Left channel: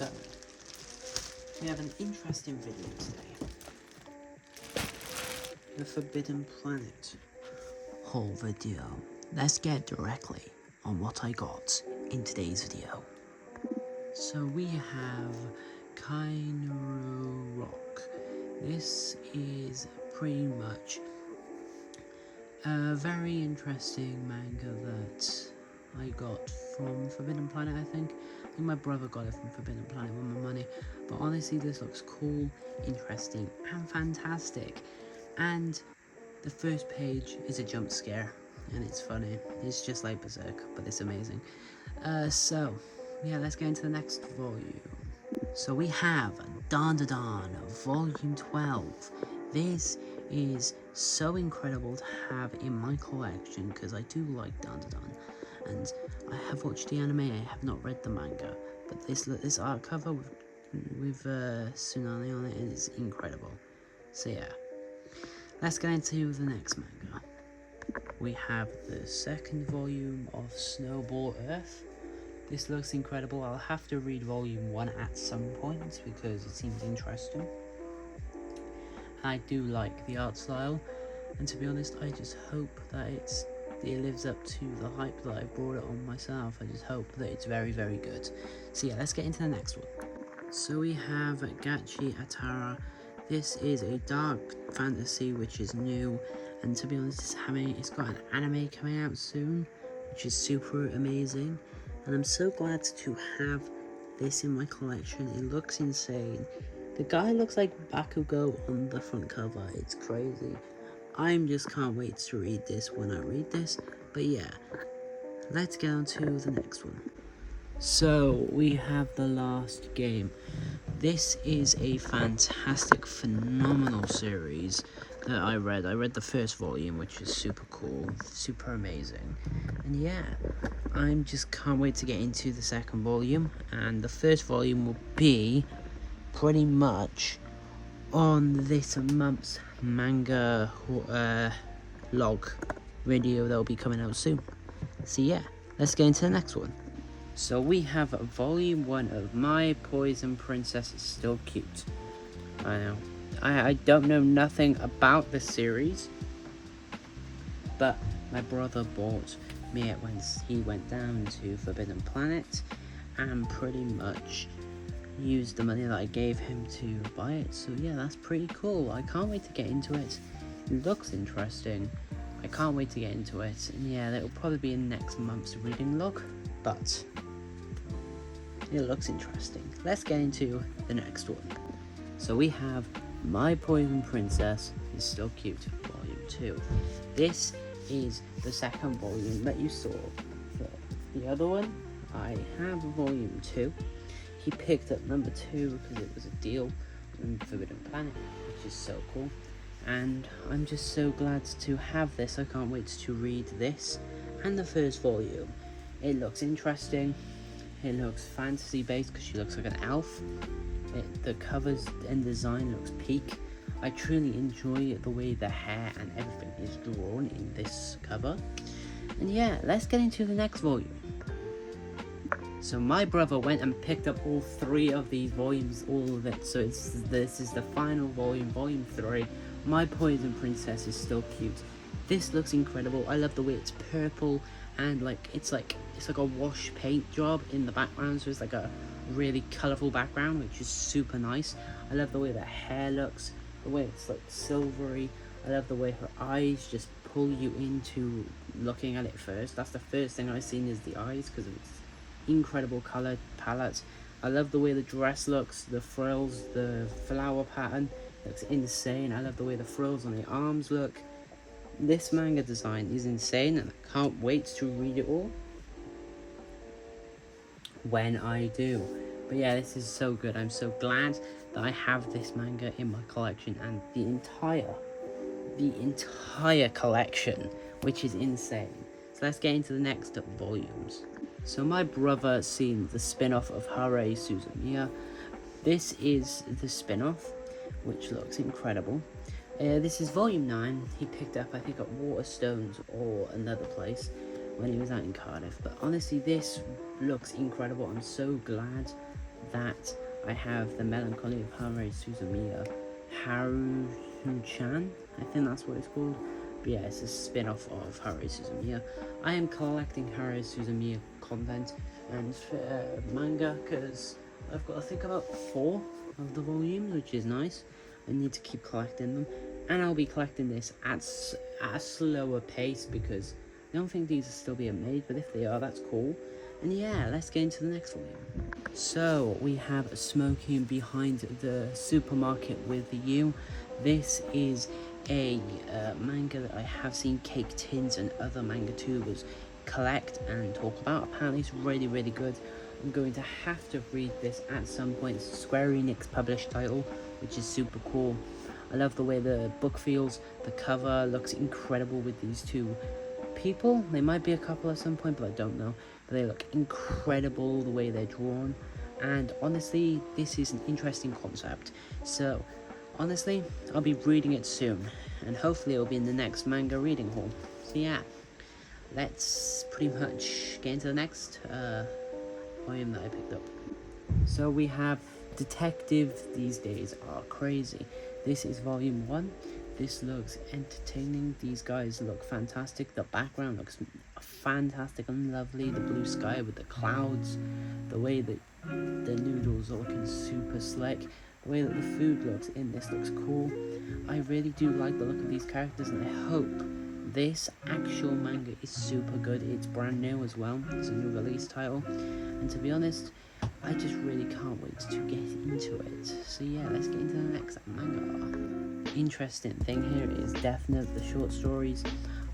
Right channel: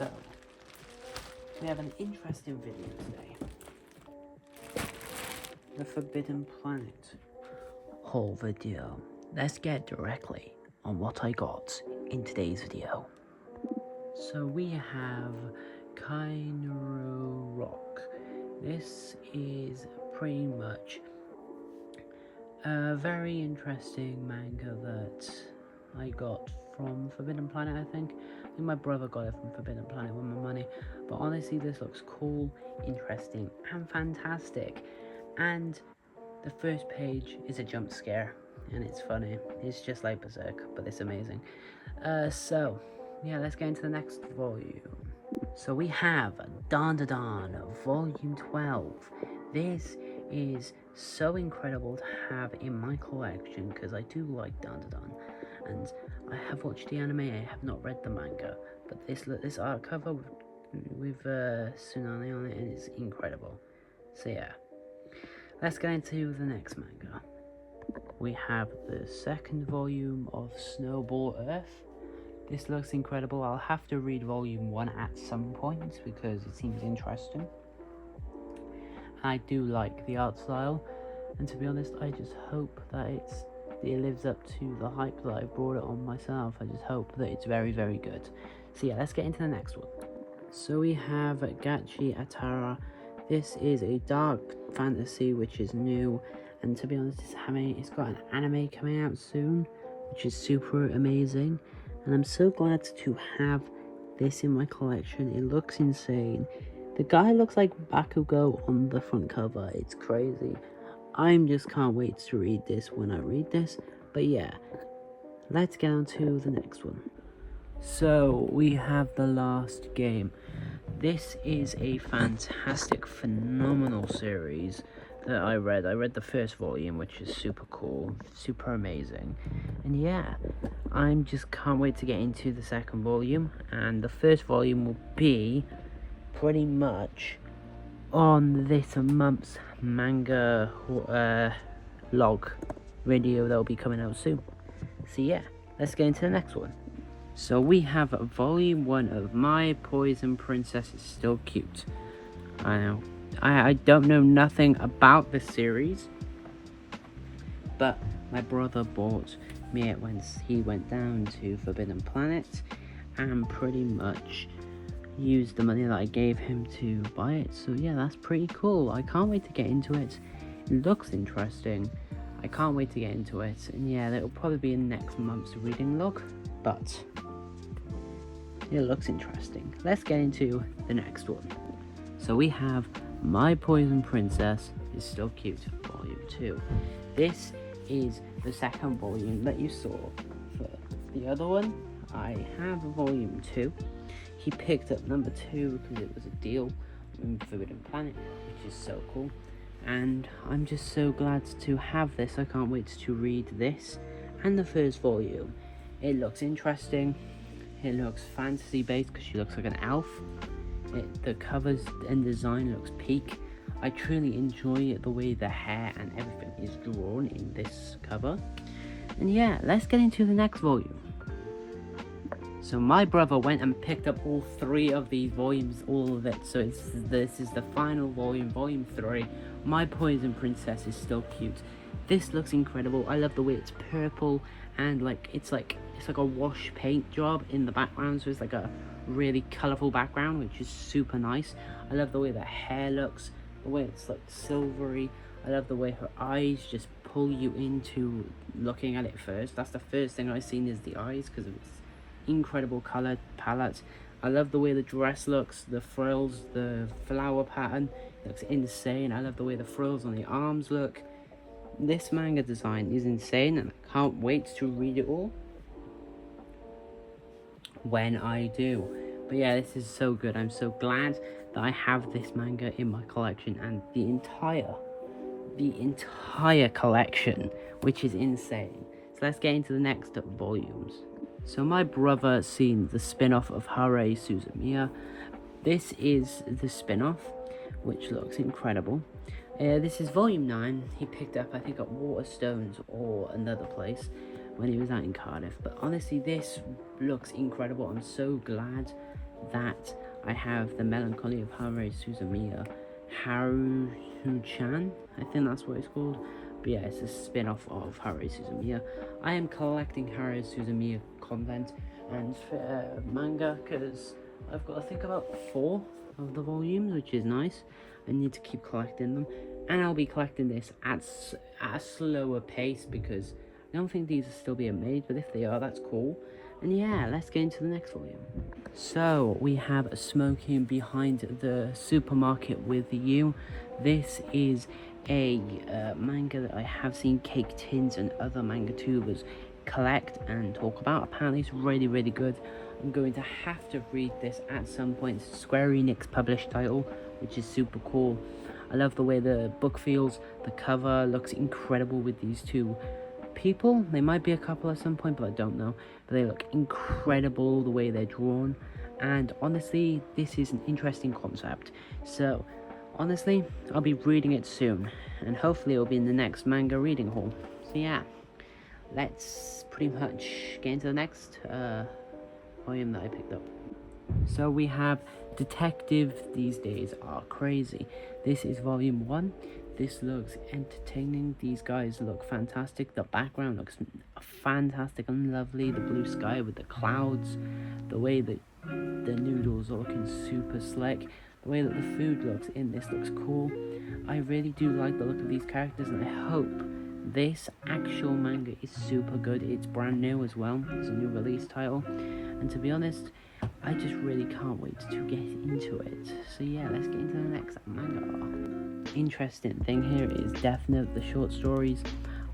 So, we have an interesting video today. The Forbidden Planet haul video. Let's get directly on what I got in today's video. So we have Kainuro Rock. This is pretty much a very interesting manga that I got from Forbidden Planet, I think my brother got it from Forbidden Planet with my money. But honestly, this looks cool, interesting, and fantastic. And the first page is a jump scare, and it's funny. It's just like Berserk, but it's amazing. So, yeah, let's get into the next volume. So we have Dan Da Dan, Volume 12. This is so incredible to have in my collection, because I do like Dan Da Dan. And I have watched the anime, I have not read the manga, but this art cover with Tsunami on it is incredible. So yeah, let's get into the next manga. We have the second volume of Snowball Earth. This looks incredible. I'll have to read volume 1 at some point because it seems interesting. I do like the art style, and to be honest, I just hope that it lives up to the hype that I brought it on myself. I just hope that it's very, very good. So yeah, let's get into the next one. So we have Gachiakuta. This is a dark fantasy which is new, and to be honest, it's got an anime coming out soon, which is super amazing. And I'm so glad to have this in my collection. It looks insane. The guy looks like Bakugo on the front cover. It's crazy. I just can't wait to read this when I read this. But yeah, let's get on to the next one. So we have The Last Game. This is a fantastic, phenomenal series that I read. I read the first volume, which is super cool, super amazing. And yeah, I just can't wait to get into the second volume. And the first volume will be pretty much on this month's manga log video that will be coming out soon. So yeah, let's get into the next one. So we have volume 1 of My Poison Princess is Still Cute. I know, I don't know nothing about this series, but my brother bought me it when he went down to Forbidden Planet, and pretty much used the money that I gave him to buy it. So yeah, that's pretty cool. I can't wait to get into it. It looks interesting. I can't wait to get into it. And yeah, that'll probably be in next month's reading log, but it looks interesting. Let's get into the next one. So we have My Poison Princess is Still Cute, Volume 2. This is the second volume that you saw. For the other one, I have Volume 2. He picked up number 2 because it was a deal in Forbidden Planet, which is so cool. And I'm just so glad to have this. I can't wait to read this and the first volume. It looks interesting. It looks fantasy based because she looks like an elf. The covers and design looks peak. I truly enjoy the way the hair and everything is drawn in this cover. And yeah, let's get into the next volume. So my brother went and picked up all 3 of these volumes, all of it. So this is the final volume, volume 3. My Poison Princess is Still Cute. This looks incredible. I love the way it's purple and it's like a wash paint job in the background. So it's like a really colourful background, which is super nice. I love the way the hair looks, the way it's like silvery. I love the way her eyes just pull you into looking at it first. That's the first thing I seen is the eyes, because it's incredible color palette. I love the way the dress looks, the frills, the flower pattern looks insane. I love the way the frills on the arms look. This manga design is insane, and I can't wait to read it all when I do. But yeah, this is so good. I'm so glad that I have this manga in my collection, and the entire collection, which is insane. So let's get into the next volumes. So my brother seen the spin-off of Haruhi Suzumiya. This is the spin-off, which looks incredible. This is volume 9. He picked up, I think, at Waterstones or another place when he was out in Cardiff. But honestly, this looks incredible. I'm so glad that, I have the Melancholy of Haruhi Suzumiya, Haruhi-chan, I think that's what it's called. But yeah, it's a spin-off of Haruhi Suzumiya. I am collecting Haruhi Suzumiya content and manga, because I've got, I think, about 4 of the volumes, which is nice. I need to keep collecting them, and I'll be collecting this at a slower pace, because I don't think these are still being made, but if they are, that's cool. And yeah, let's get into the next volume. So we have Smoking Behind the Supermarket with You. This is a manga that I have seen Cake Tins and other manga tubers collect and talk about. Apparently it's really, really good. I'm going to have to read this at some point. It's a Square Enix published title, which is super cool. I love the way the book feels. The cover looks incredible with these 2 people. They might be a couple at some point, but I don't know. But they look incredible the way they're drawn. And honestly, this is an interesting concept. So honestly, I'll be reading it soon, and hopefully it'll be in the next manga reading haul. So yeah, let's pretty much get into the next volume that I picked up. So we have Detectives These Days Are Crazy. This is volume 1. This looks entertaining. These guys look fantastic. The background looks fantastic and lovely. The blue sky with the clouds. The way that the noodles are looking super slick. The way that the food looks in this looks cool. I really do like the look of these characters, and I hope this actual manga is super good. It's brand new as well. It's a new release title. And to be honest, I just really can't wait to get into it. So yeah, let's get into the next manga. Interesting thing here is Death Note, the short stories.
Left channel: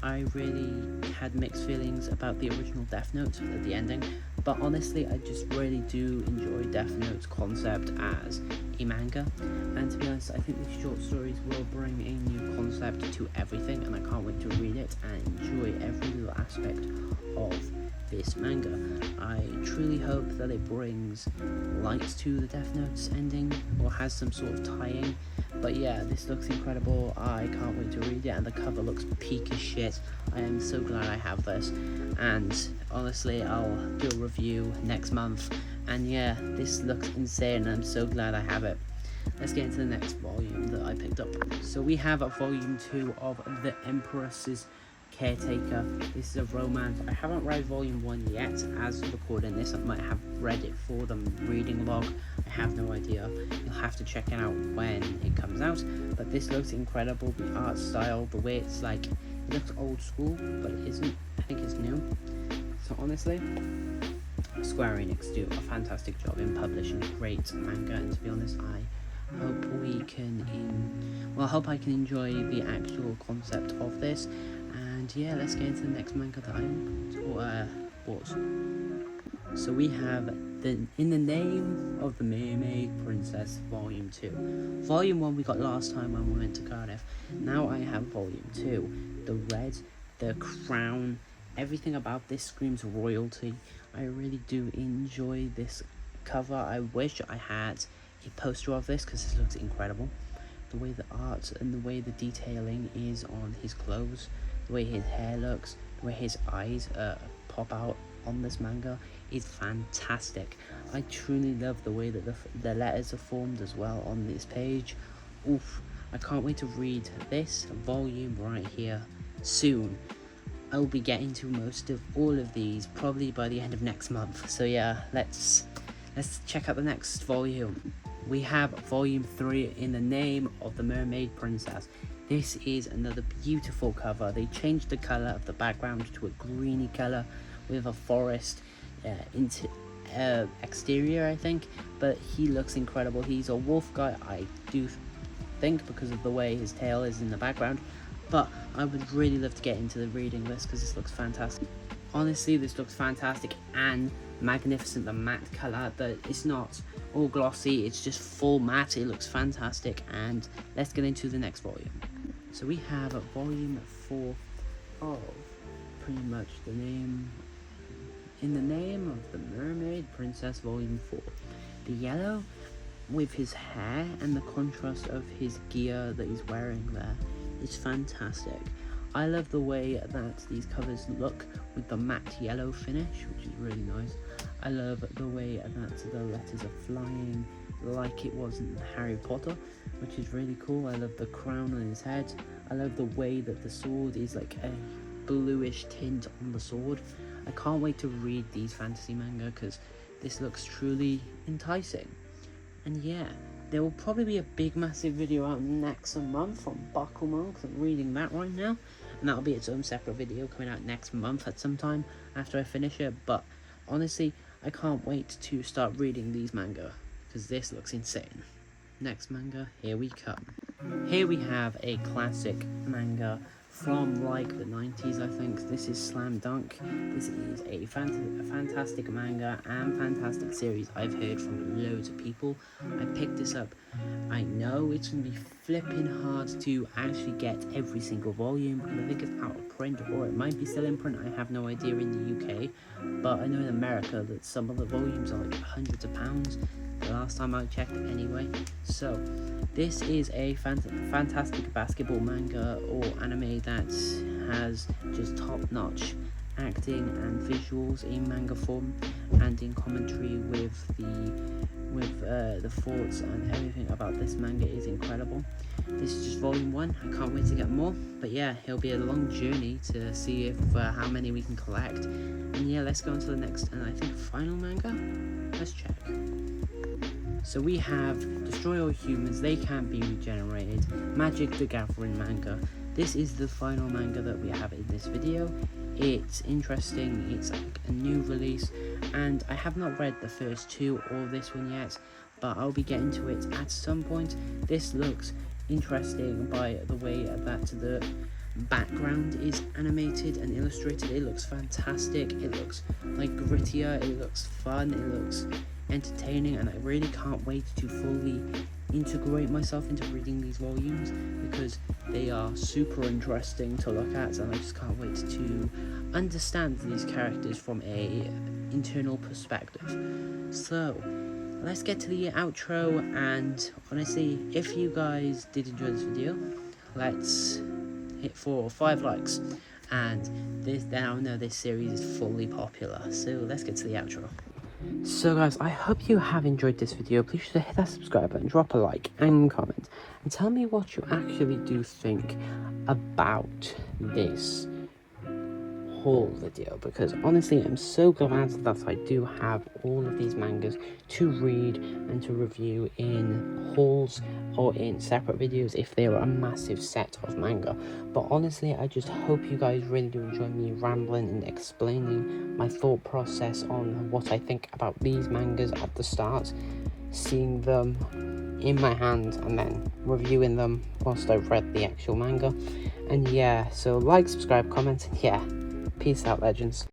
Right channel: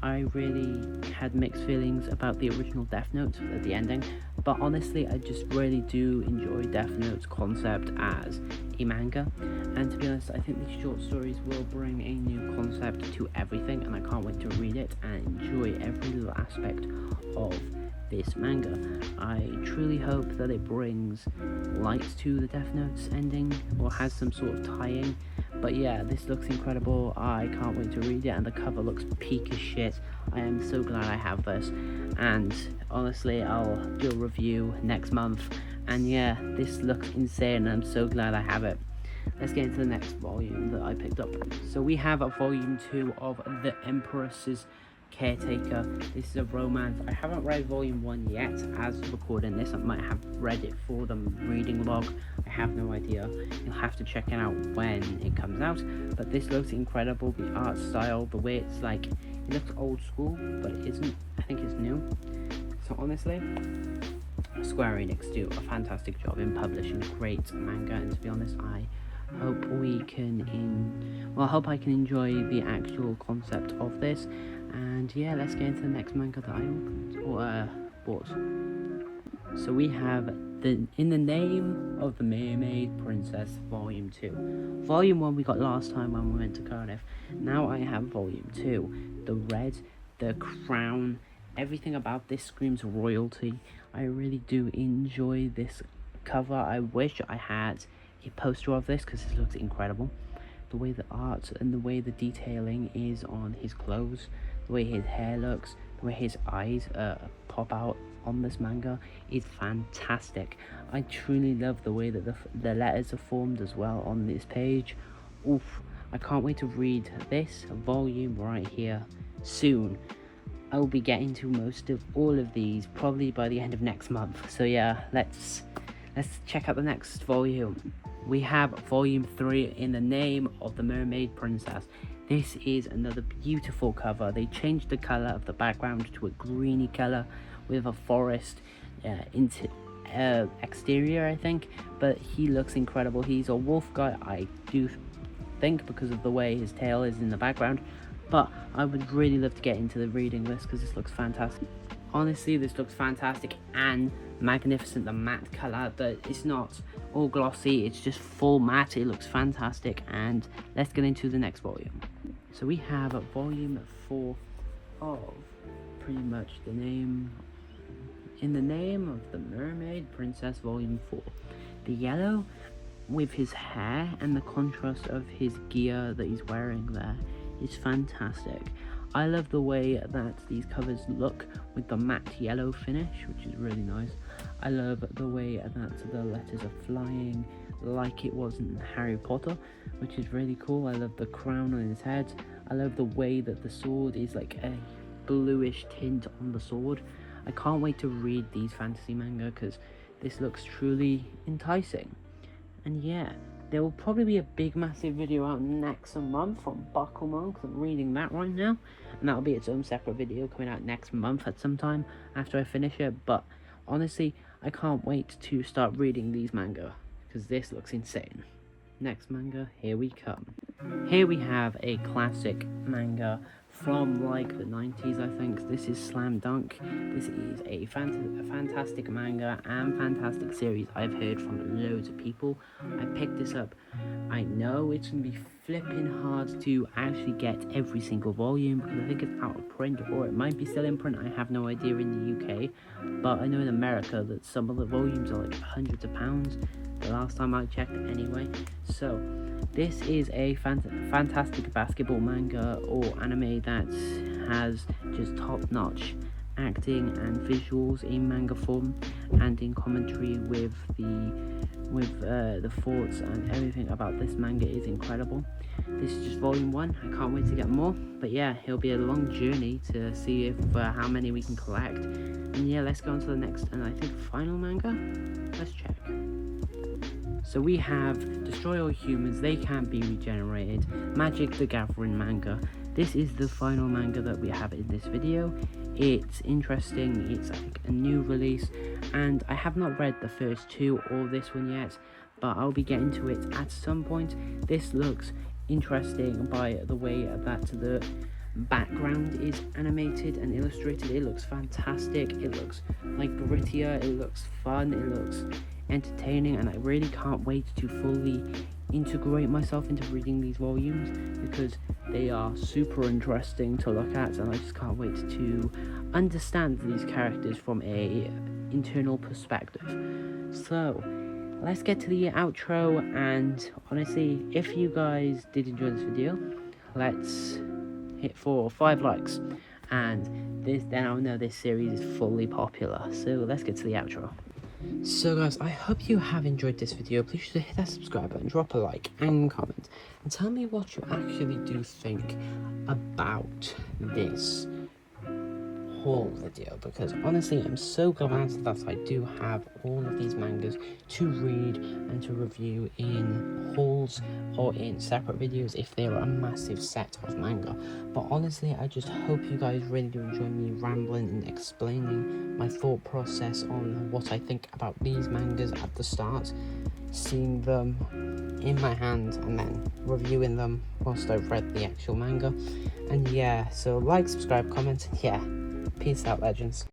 I really had mixed feelings about the original Death Note at the ending, but honestly, I just really do enjoy Death Note's concept as a manga. And to be honest, I think the short stories will bring a new concept to everything, and I can't wait to read it and enjoy every little aspect of this manga. I truly hope that it brings light to the Death Note's ending, or has some sort of tie-in. But yeah, this looks incredible. I can't wait to read it, and the cover looks peak as shit. I am so glad I have this, and honestly, I'll do a review next month. And yeah, this looks insane, and I'm so glad I have it. Let's get into the next volume that I picked up. So we have a volume 2 of The Empress's Caretaker. This is a romance. I haven't read volume 1 yet. As recording this, I might have read it for the reading log. I have no idea. You'll have to check it out when it comes out. But this looks incredible. The art style, the way it's like, it looks old school, but it isn't. I think it's new. So honestly, Square Enix do a fantastic job in publishing great manga, and to be honest, I hope we can I hope I can enjoy the actual concept of this. And yeah, let's get into the next manga that I bought. So we have In the Name of the Mermaid Princess Volume 2. Volume 1 we got last time when we went to Cardiff. Now I have Volume 2. The red, the crown, everything about this screams royalty. I really do enjoy this cover. I wish I had a poster of this, because this looks incredible. The way the art and the way the detailing is on his clothes, the way his hair looks, the way his eyes pop out on this manga is fantastic. I truly love the way that the letters are formed as well on this page. Oof, I can't wait to read this volume right here soon. I will be getting to most of all of these probably by the end of next month. So yeah, let's check out the next volume. We have volume 3, In the Name of the Mermaid Princess. This is another beautiful cover. They changed the color of the background to a greeny color with a forest exterior, I think, but he looks incredible. He's a wolf guy, I do think, because of the way his tail is in the background, but I would really love to get into the reading this, because this looks fantastic. Honestly, this looks fantastic and magnificent. The matte color, that it's not all glossy, it's just full matte. It looks fantastic. And let's get into the next volume. So we have volume 4 of pretty much the name In the Name of the Mermaid Princess Volume 4. The yellow with his hair and the contrast of his gear that he's wearing there is fantastic. I love the way that these covers look with the matte yellow finish, which is really nice. I love the way that the letters are flying like it was in Harry Potter, which is really cool. I love the crown on his head. I love the way that the sword is like a bluish tint on the sword. I can't wait to read these fantasy manga because this looks truly enticing. And yeah, there will probably be a big massive video out next month on Bakuman, because I'm reading that right now, and that'll be its own separate video coming out next month at some time after I finish it. But honestly, I can't wait to start reading these manga because this looks insane. Next manga, here we come. Here we have a classic manga from like the 90s, I think. This is Slam Dunk. This is a fantastic manga and fantastic series I've heard from loads of people. I picked this up. I know it's going to be flipping hard to actually get every single volume, and I think it's out of print, or it might be still in print. I have no idea in the UK, but I know in America that some of the volumes are like hundreds of pounds. The last time I checked anyway. So this is a fantastic basketball manga or anime that has just top-notch acting and visuals in manga form, and in commentary with the thoughts and everything about this manga is incredible. This is just volume 1. I can't wait to get more, but yeah, it'll be a long journey to see if how many we can collect. And yeah, let's go on to the next and I think final manga. Let's check. So we have Destroy All Humans, They Can't Be Regenerated, Magic the Gathering manga. This is the final manga that we have in this video. It's interesting, it's like a new release, and I have not read the first 2 or this one yet, but I'll be getting to it at some point. This looks interesting by the way that the background is animated and illustrated. It looks fantastic, it looks like grittier, it looks fun, it looks entertaining, and I really can't wait to fully integrate myself into reading these volumes because they are super interesting to look at, and I just can't wait to understand these characters from a internal perspective. So let's get to the outro, and honestly, if you guys did enjoy this video, let's hit 4 or 5 likes, and this now know this series is fully popular. So let's get to the outro. So guys, I hope you have enjoyed this video. Please hit that subscribe button, drop a like and comment, and tell me what you actually do think about this haul video, because honestly I'm so glad that I do have all of these mangas to read and to review in hauls or in separate videos if they are a massive set of manga. But honestly, I just hope you guys really do enjoy me rambling and explaining my thought process on what I think about these mangas at the start, seeing them in my hand and then reviewing them whilst I've read the actual manga. And yeah, so like, subscribe, comment, and yeah, peace out, legends.